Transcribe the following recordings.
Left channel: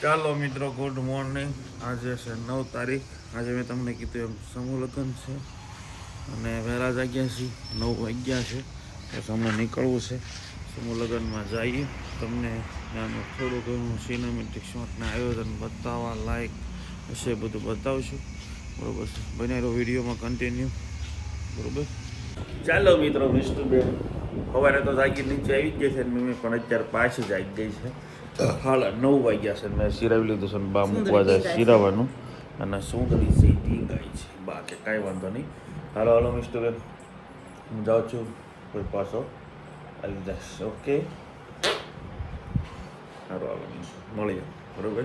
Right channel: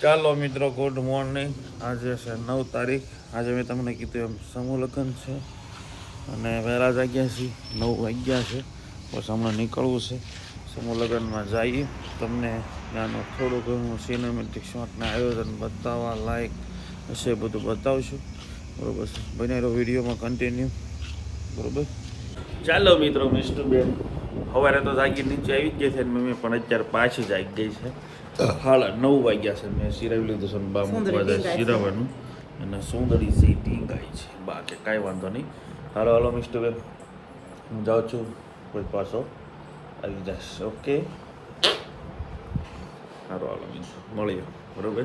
ચાલો મિત્રો good morning આજે છે નવ તારીખ. આજે મેં તમને કીધું એમ સમૂહ લગ્ન છે. અને વહેલા જાગ્યા છીએ. નવ વાગ્યા છે. બસ હમણાં નીકળવું છે. સમૂહ લગ્નમાં જઈએ. તમને ત્યાંનું થોડું ઘણું સિનેમેટિક શોટના આયોજન બતાવવા લાયક હશે બધું બતાવશું. બરોબર છે. બનાવેલો વિડીયોમાં કન્ટિન્યુ બરોબર? ચાલો મિત્રો મિસ્ટર બેન સવારે તો જાગી નીચે આવી જ ગઈ છે મમ્મી, પણ અત્યારે પાછી જાગી ગઈ છે. હાલ નવ વાગ્યા છે મેં સિરાવી લીધું છે ને બા મૂકવા જાય સિરાવાનું. અને સુંદરી સી ટીંગાઈ છે. બા કે કાંઈ વાંધો નહીં. હાલો હાલો મિસ્ટર બેન. હું જાઉં છું. કોઈ પાછો આવી જશે. ઓકે? સારું હાલો મિન્સ મળીએ. બરોબર?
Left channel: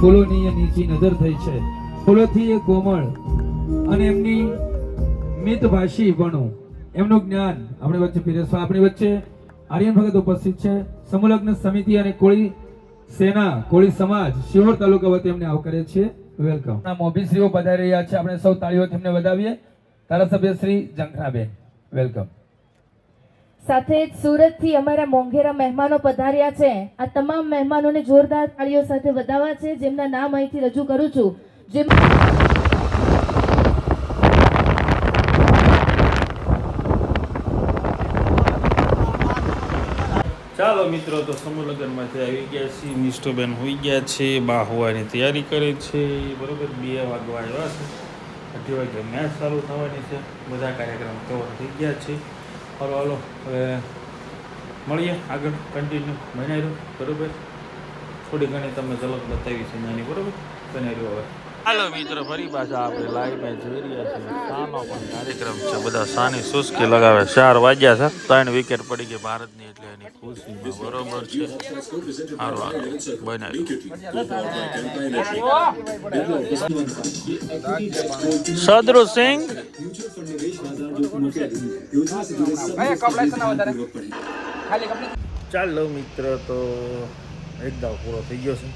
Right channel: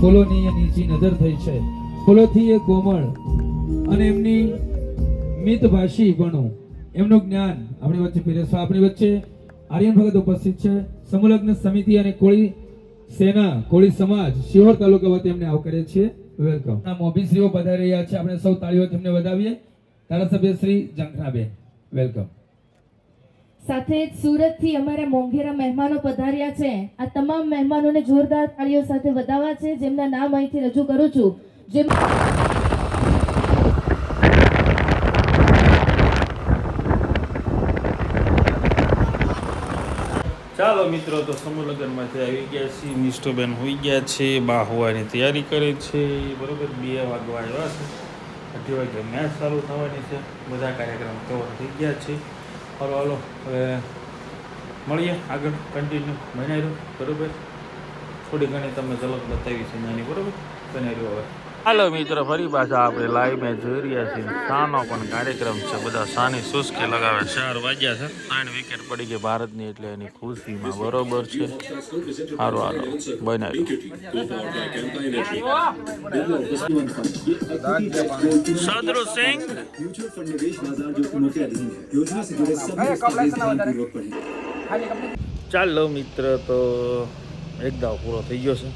ફૂલોની નીચી નજર થઈ છે, ફૂલોથી એ કોમળ અને એમની મિતભાષી બનો. એમનું જ્ઞાન આપણી વચ્ચે પીરસવા આપણી વચ્ચે આર્યન ભગત ઉપસ્થિત છે. સમુલગ્ન સમિતિ અને કોળી સેના, કોળી સમાજ શિહોર તાલુકા વતી એમને આવકારે છે. વેલકમ મોભીશ્રીઓ પધારી રહ્યા છે. આપણે સૌ તાળીઓથી એમને વધાવીએ. ધારાસભ્ય શ્રી જંખનાબેન વેલકમ સાથે જ સુરતથી અમારા મોંઘેરા મહેમાનો પધાર્યા છે. આ તમામ મહેમાનોને જોરદાર તાળીઓ સાથે વધાવા છે, જેમના નામ અહીંથી રજૂ કરું છું. જેમ ચાલો મિત્રો, તો સમૂહ આવી ગયા છે નિષ્ઠોબેન હોઈ ગયા છે, બા હોવાની તૈયારી કરે છે. બરોબર, બે વાગવા આવ્યા છે. અઢી વાગે મેચ ચાલુ થવાની છે. બધા કાર્યક્રમ કવર થઈ ગયા છે. હાલો હાલો હવે મળીએ આગળ કન્ટિન્યુ બનાવ્યું બરાબર? થોડી ઘણી તમે ઝલક બતાવી છે નાની, બરાબર? બનાવ્યું હવે. હાલો મિત્રો, ફરી પાછા આપણે લાઈવ મેચ જોઈ રહ્યા છીએ. શાનો પણ કાર્યક્રમ છે, બધા શાની સુસ્કી લગાવે. ચાર વાગ્યા છે, ત્રણ વિકેટ પડી ગઈ ભારતની, એટલે એની ખુશીમાં બરોબર છે. સારું હાલો. બનાવી સદરુ સિંહ ચાલો મિત્ર, તો એક દાવ પૂરો થઈ ગયો છે.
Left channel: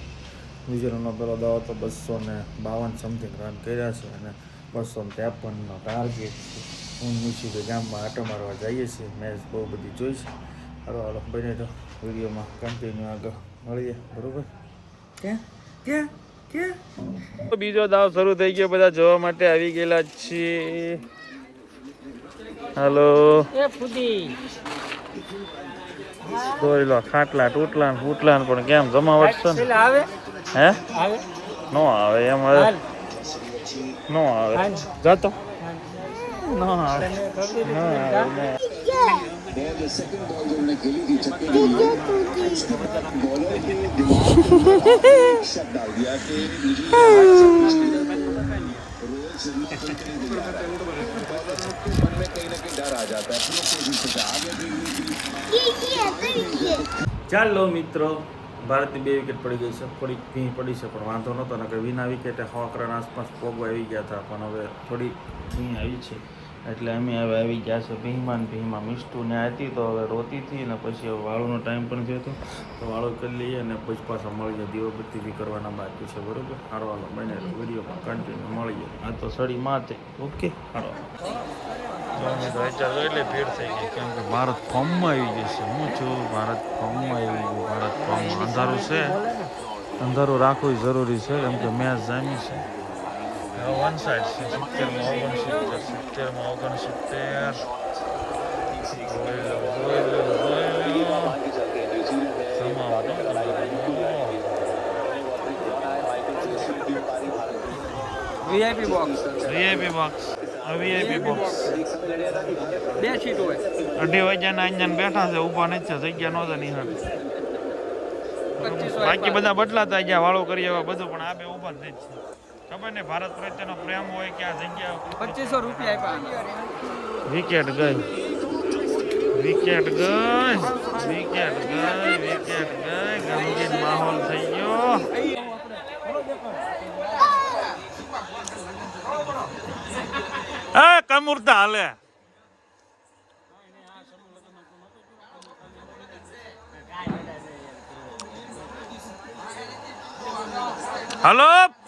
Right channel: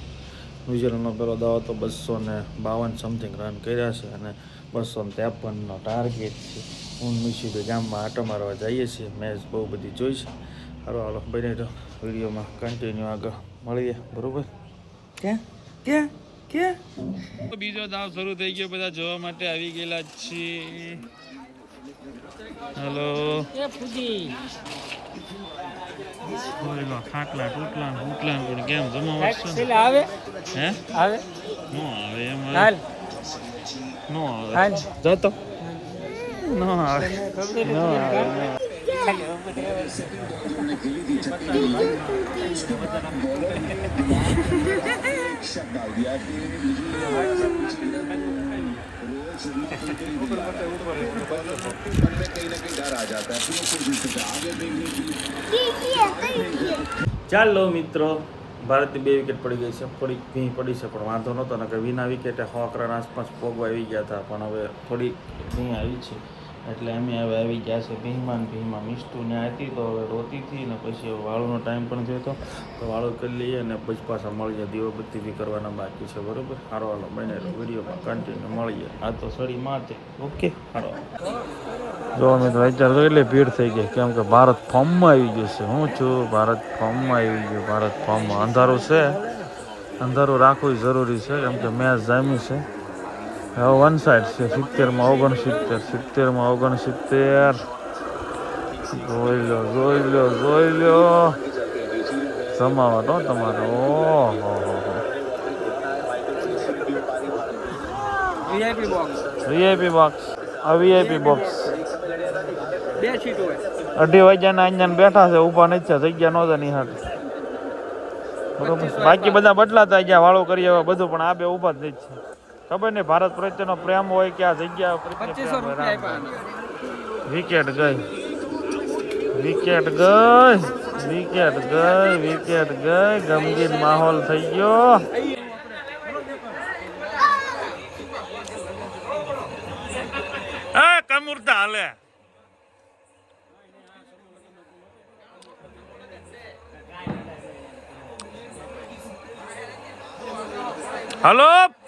ન્યુઝીલેન્ડનો પહેલો દાવો તો બસો ને બાવન સમથિંગ રન કર્યા છે અને બસો ને ત્રેપનનો ટાર્ગેટ છે. હું મિશી ગામમાં આટો મારવા જઈએ છીએ. મેચ બહુ બધી જોઈ છે. હાલો હાલો બને તો વિડીયોમાં કન્ટિન્યુ આગળ મળીએ. બરાબર? ક્યાં ક્યાં ક્યાં બીજો દાવ શરૂ થઈ ગયો. બધા જોવા માટે આવી ગયેલા છીએ. હાલો. જોઈ લો ખાટલા તૂટલા ને ફૂટલા પણ કેમ જમાવટ છે ને? હે? નો આવે એમ હવે. નો આવે. જતો. નો આવે. નો આવે નો. ચાલો મિત્રો, ભારતની બે વિકેટ પડી ગઈ છે થોડીક ભીં પડી છે, પણ વાંધો નહોતો ને કે વિના વિકેટે સો રન આસપાસ પોગવા આવી ગયા હતા પણ હવે થોડીક ભીં આવી છે એટલે અમે હવે આવી ગયા છે ભીમાન ભીમાં મિસ્ટુ ને હતી તો હવે રોતી હતી ને પછી વાળુનો ટાઈમ પણ થયો હતો. તો વાળો કરી લઈએ અને પછી પાછા મળીએ. દીવાબત્તી બી કરવાના બાકી છે, બરોબર? હારો હાલો, બને વિડીયોમાં કન્ટિન્યુ મળીએ. આ તો સડી માથે ઓકે, હારો જો મિત્રો અત્યારે એટલે ભીડ થઈ ગઈ. કેમ કે ભારત ફોર્મમાં આવી ગયું છે. હું છું, ભારત ફોર્મમાં આવી ગયું. ભારત ફોર્મમાં. અંધારું છે. અંધારું રાખવું જરૂરી છે. કેમ કે મેચ જામી છે. વન સાઈડ છે સિત્તેરમાં ઓગણસિત્તેર સિત્તેરમાં ઓગણસિત્તેર જોઈ લો જોઈ લો જોઈ લો જમાવટ હો તમારે વીઆઈપી બોક્સ વીઆઈપી બોક્સ આ વીઆઈપી બોક્સ અઢી વાગ્યાના અહીંયા બેઠા છે ઊભા નથી છે જગ્યા નહોતા ની હાટ બાકી બધા બદલાતા ગયા વાળો કરી આવ્યા બધું પણ આ બે ઊભા જ નથી છે ખબર નહીં ભારત પ્રત્યેનો પ્રેમ હોય કે આ જગ્યા પચીસો રૂપિયા વિકેટ ગઈ. વિકેટ ગઈ. વિકેટ ગઈ વિકેટ ગઈ. ગમગીન માહોલ થઈ ગયો. એ કમુરતા હાલે. હલો?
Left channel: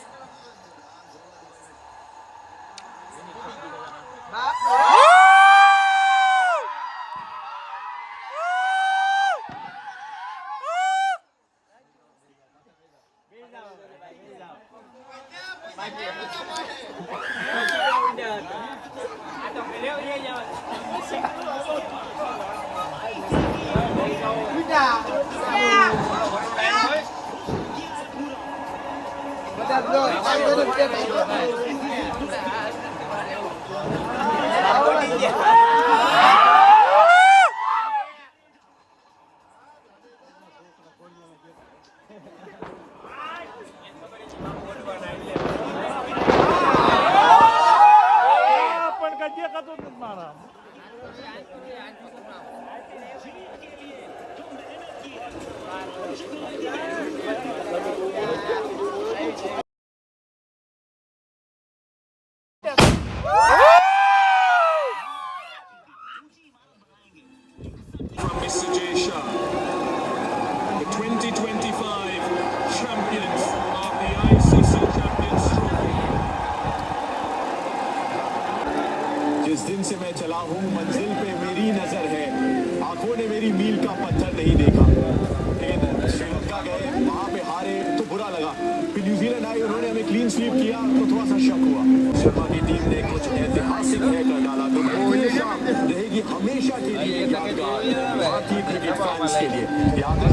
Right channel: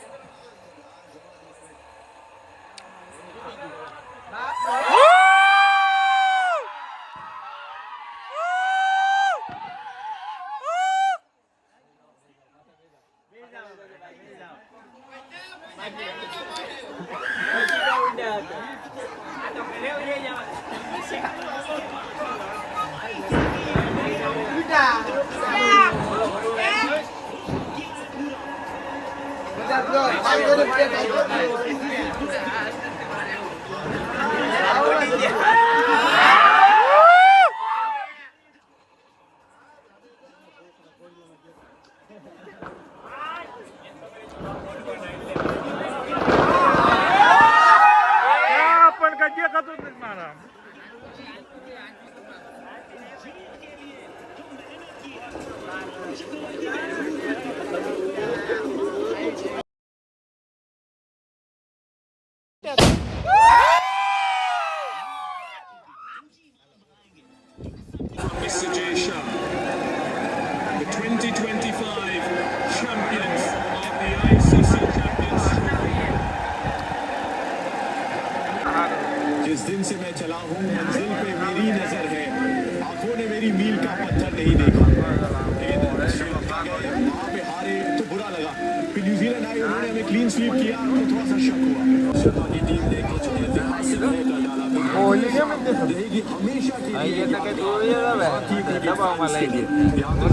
પણ चला हूँ मंजिल पे मेरी नज़र है। आँखों ने मेरी मील का पत्थर नहीं देखा। लेकिन श्रीलंका गए वहाँ पे हारे तो बुरा लगा। फिर न्यूजीलैंड आए उन्होंने हमें क्लीन स्वीप किया तो थोड़ा सा शक हुआ। शर्मा की टीम ने कुछ ऐतिहासिक तय कर डाला। तो हमेशा रहेगी हमेशा के लिए यादगार भारतीय क्रिकेट फैंस के लिए। याद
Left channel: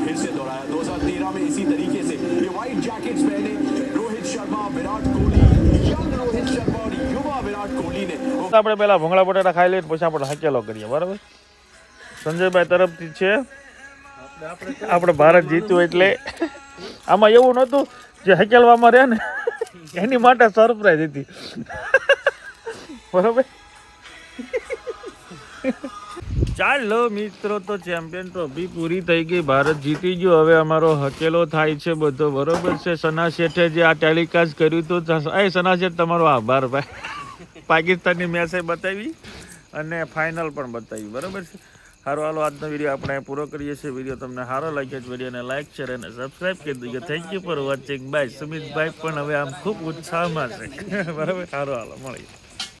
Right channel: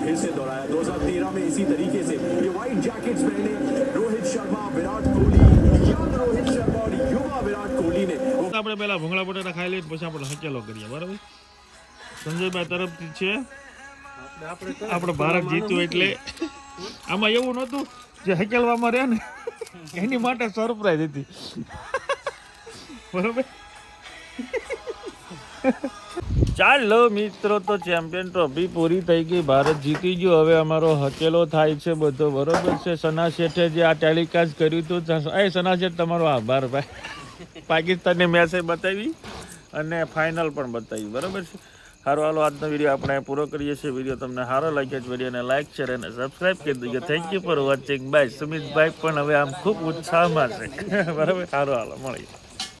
फिर से दोहराया 2013 में इसी तरीके से ये व्हाइट जैकेट्स पहने रोहित शर्मा विराट कोहली यंग रोहित शर्मा और युवा विराट कोहली ने वो આપણે પહેલા ભૂંગળા બટાટા ખાઈ લઈએ પછી આપણે હકેલો કરીએ બરાબર સંજયભાઈ તરફથી છે આપણે ભારત જીત્યું એટલે આમાં એવું નહોતું જે હકેલવામાં રહે ને એની માટે સરપ્રાઈઝ હતી બરાબર? ચાલો મિત્રો, તો ચેમ્પિયન ટ્રોફી પૂરી થઈ ગઈ. ભારત જીતી ગયું. હવે અમારો હકેલો થાય છે બધો. બરોબર છે? સના શેઠે જે આ ટેલિકાસ્ટ કર્યું હતું એ સના શેઠ, તમારો આભાર, ભાઈ. પાકિસ્તાનની મેચે બતાવી અને ફાઇનલ પણ બતાવી. બરાબર છે? સારું હાલો, આજનો વીડિયો આપણે પૂરો કરીએ છીએ. વીડિયો તમને સારો લાગ્યો છે વિડીયોને લાઇક શેર અને સબસ્ક્રાઈબ કરી દેજો. Thank you for watching bye Sumitbhai પણ હવે આમ ખૂબ ઉત્સાહમાં છે. બરાબર? સારો હાલો, મળીએ.